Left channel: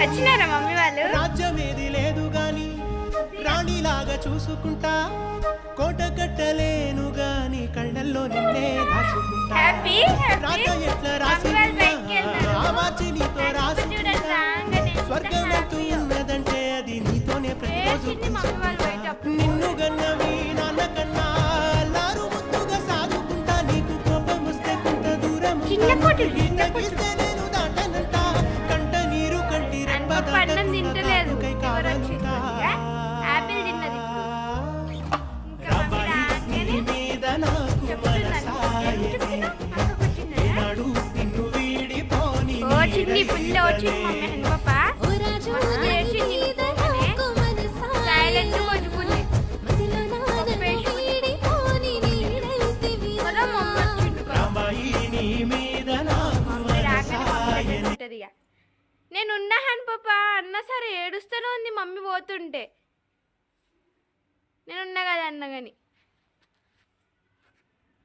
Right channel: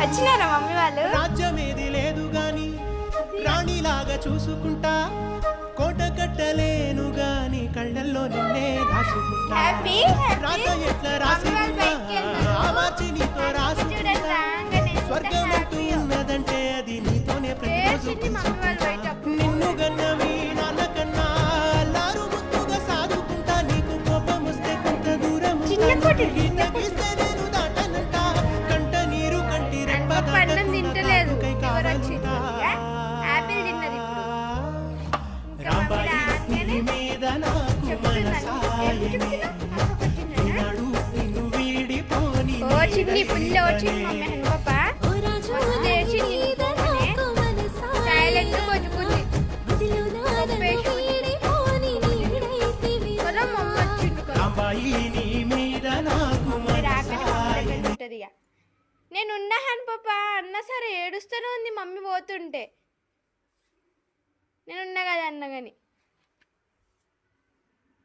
వచ్చినారా మమ్మీ వాళ్ళు? రాజ్యమేది లేదు గాని రాణిలాగా చూసుకుంటా, కోట కట్టలేను గాని కళ్ళల్లో నిన్నే దాచుకుంటా. రాత ఎట్లా రాసి మార్చి నీతో రాసుకుంటా. స్వర్గం అంటూ ఉన్నదంటే అది నీతోనే ప్రతిరోజు పంచుకుంటా. నిన్ను గన్నవి నాన్న కన్నా అల్లారు ముద్దుగా సాదుకుంటా. నీకు కోపం వస్తే కొంత దూరం గీస్తే నేను దాటనంటా. కంట నీరు కంటి రెప్ప దాటకై కావాలంటా. ఓ చిన్ని పుల్ల వచ్చింది మమ్మీ హన్ పాప చేసింది సైలెంట్ కొట్టుకుంది కదా మమ్మీ వచ్చిండు రాగానే ఉంటది. ఇక నేనున్నా హన్ పాప అన్న సరే ఏడుస్తూనే ఉంది మమ్మీ పోతుంటే. నేనున్నా కదా అన్న కానీ